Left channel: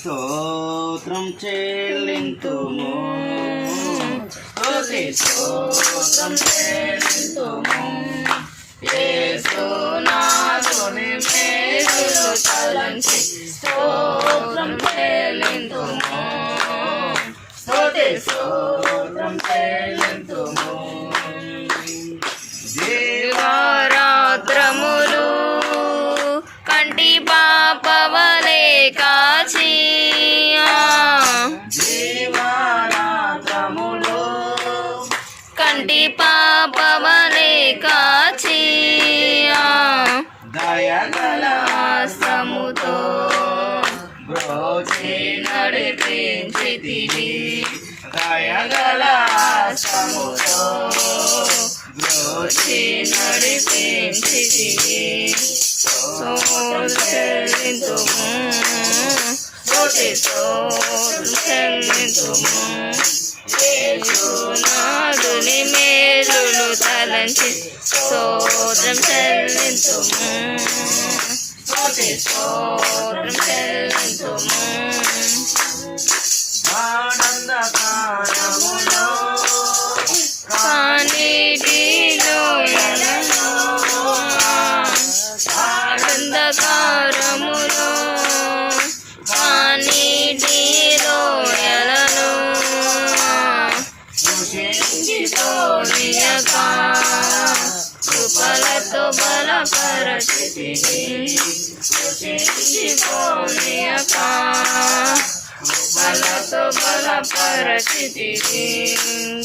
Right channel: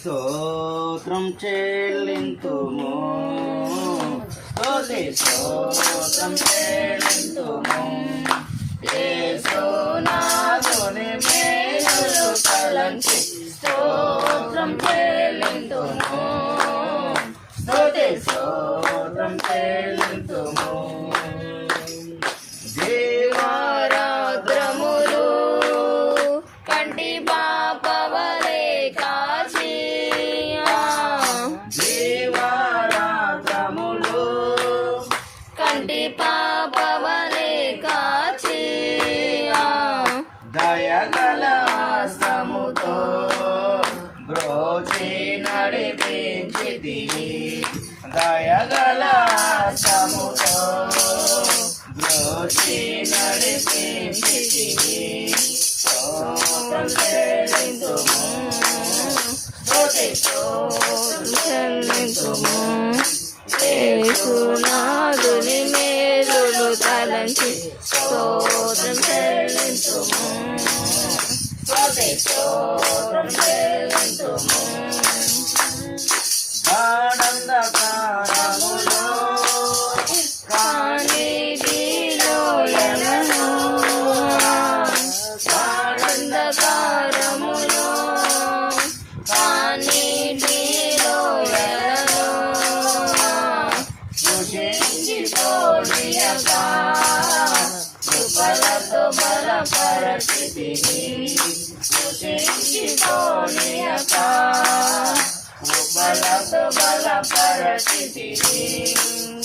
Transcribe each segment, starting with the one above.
స్తోత్రం చెల్లింతుము స్తుతి స్తోత్రం చెల్లింతుము యేసునాథుని మేలులు తలంచి స్తోత్రం చెల్లింతుము స్తుతి స్తోత్రం చెల్లింతుము దివారాత్రములు కంటి పాపవలే కాచి దివారాత్రములు కంటి పాపవలే కాచి దయగల హస్తముతో బ్రోచి నడిపించితివి దయగల హస్తముతో బ్రోచి నడిపించితివి స్తోత్రం చెల్లింతుము స్తుతి స్తోత్రం చెల్లింతుము యేసునాథుని మేలులు తలంచి స్తోత్రం చెల్లింతుము స్తుతి స్తోత్రం చెల్లింతుము ఆనందకారములో కానిటిలో ఆనందకారములో కానిటిలో ఎలను కృషించిపోనియక కృపలతో బలపరచితివి కృషించిపోనియక కృపలతో బలపరచితివి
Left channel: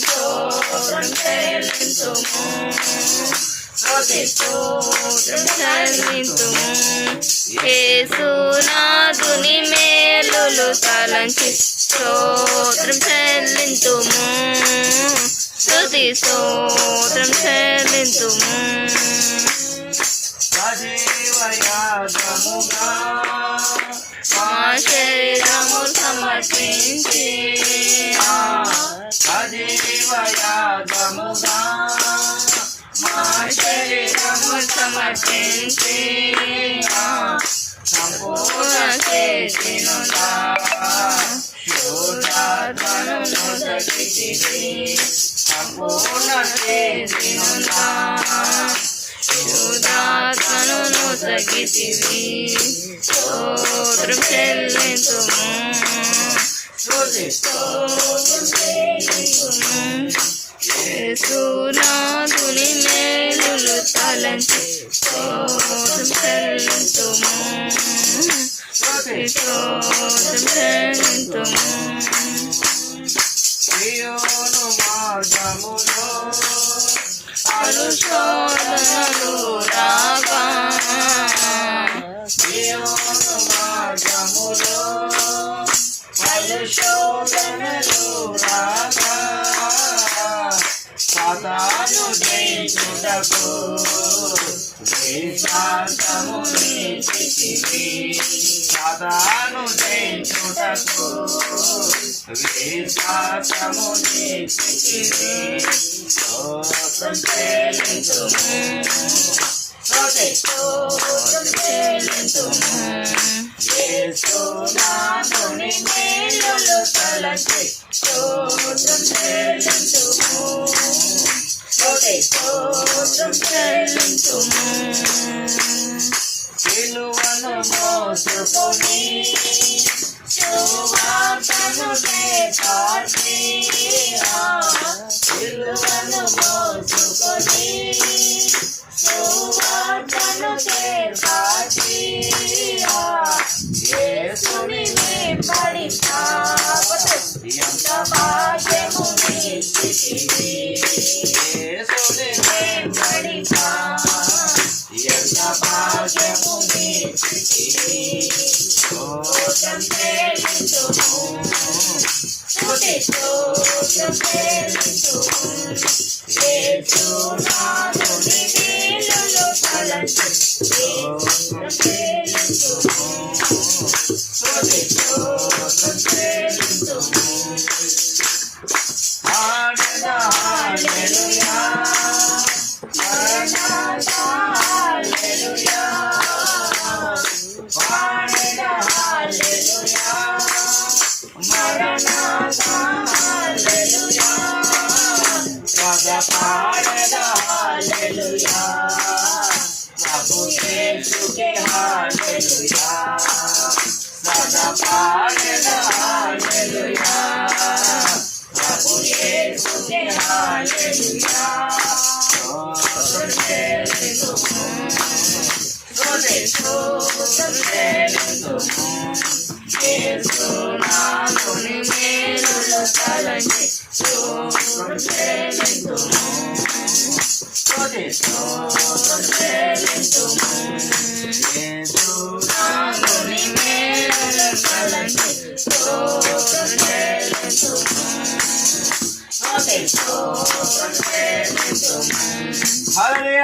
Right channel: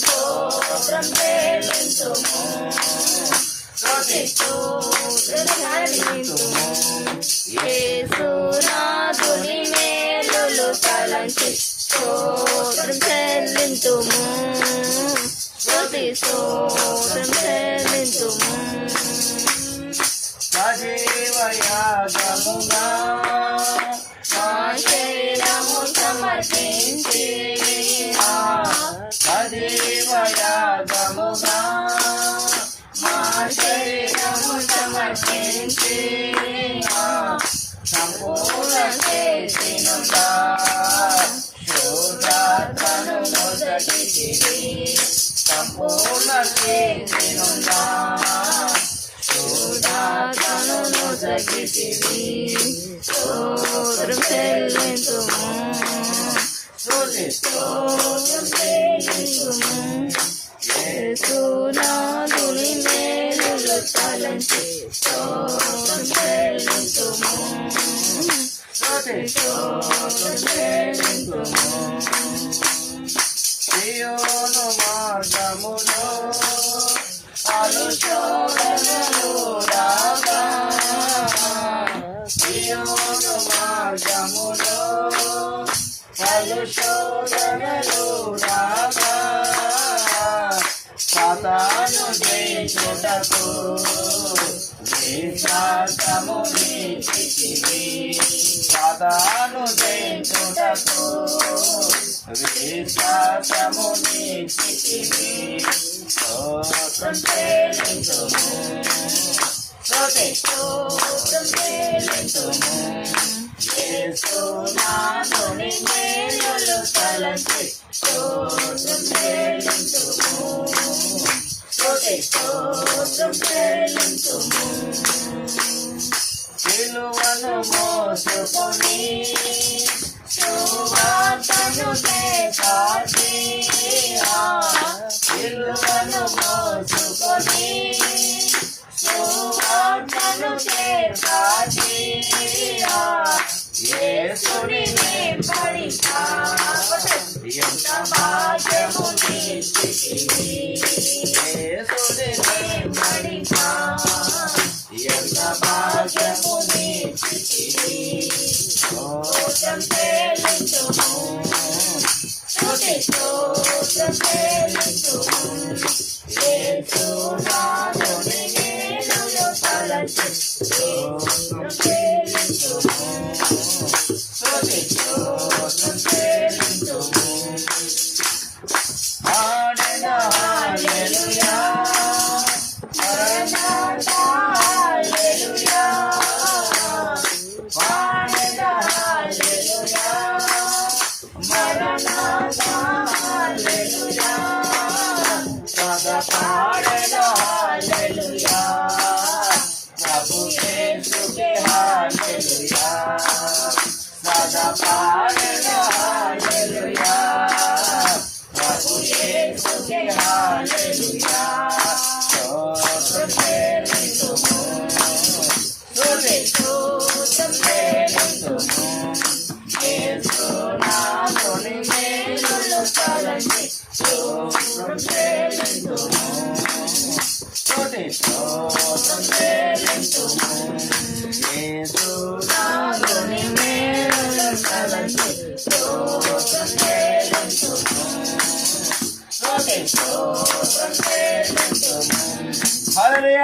స్తోత్రం చెల్లింతుము స్తుతి స్తోత్రం చెల్లింతుము యేసునాథుని మేలులు తలంచి స్తోత్రం చెల్లింతుము స్తుతి స్తోత్రం చెల్లింతుము సజీవయాగముగా మా శరీరము సమర్పించి సజీవయాగముగా మా శరీరము సమర్పించి సంపూర్ణ చేసినుందా శోధాత్మను నొసగితివి సంపూర్ణ చేసినుందా శుద్ధాత్మను నొసగితివి స్తోత్రం చెల్లింతుము స్తుతి స్తోత్రం చెల్లింతుము యేసునాథుని మేలులు తలంచి స్తోత్రం చెల్లింతుము స్తుతి స్తోత్రం చెల్లింతుము సియోను మార్గములో పలు శోధనలు రాగా సియోను మార్గములో పలు శోధనలు రాగా సాతాను జయించుటకు విశ్వాసము నీచితివి సాతాను జయించుటకు విశ్వాసము నీచితివి స్తోత్రం చెల్లింతుము స్తుతి స్తోత్రం చెల్లింతుము యేసునాథుని మేలులు తలంచి స్తోత్రం చెల్లింతుము స్తుతి స్తోత్రం చెల్లింతుము సిలువను మోసుకొని సువార్తను చేకాచి సిలువను మోసుకొని సువార్తను చేకాచి యేసుని వెంబడి ఎంత భాగ్యము నీచితివి యేసుని వెంబడి ఎంత భాగ్యము నీచితివి స్తోత్రం చెల్లింతుము స్తుతి స్తోత్రం చెల్లింతుము యేసునాథుని మేలులు తలంచి స్తోత్రం చెల్లింతుము స్తుతి స్తోత్రం చెల్లింతుము హల్లెలూయా హల్లెలూయా మరణాథా హల్లెలూయా సదా పాడేదా హల్లెలూయా ప్రభు యేసుకే హల్లెలూయా సదా పాడేదా హల్లెలూయా ప్రభు యేసుకే హల్లెలూయా స్తోత్రం చెల్లింతుము స్తుతిస్తోత్రం చెల్లింతుము యేసు నామముని మేలులు తలంచి స్తోత్రం చెల్లింతుము స్తుతిస్తోత్రం చెల్లింతుము యేసు నామముని మేలులు తలంచి స్తోత్రం చెల్లింతుము స్తుతిస్తోత్రం చెల్లింతుము హల్లెలూయా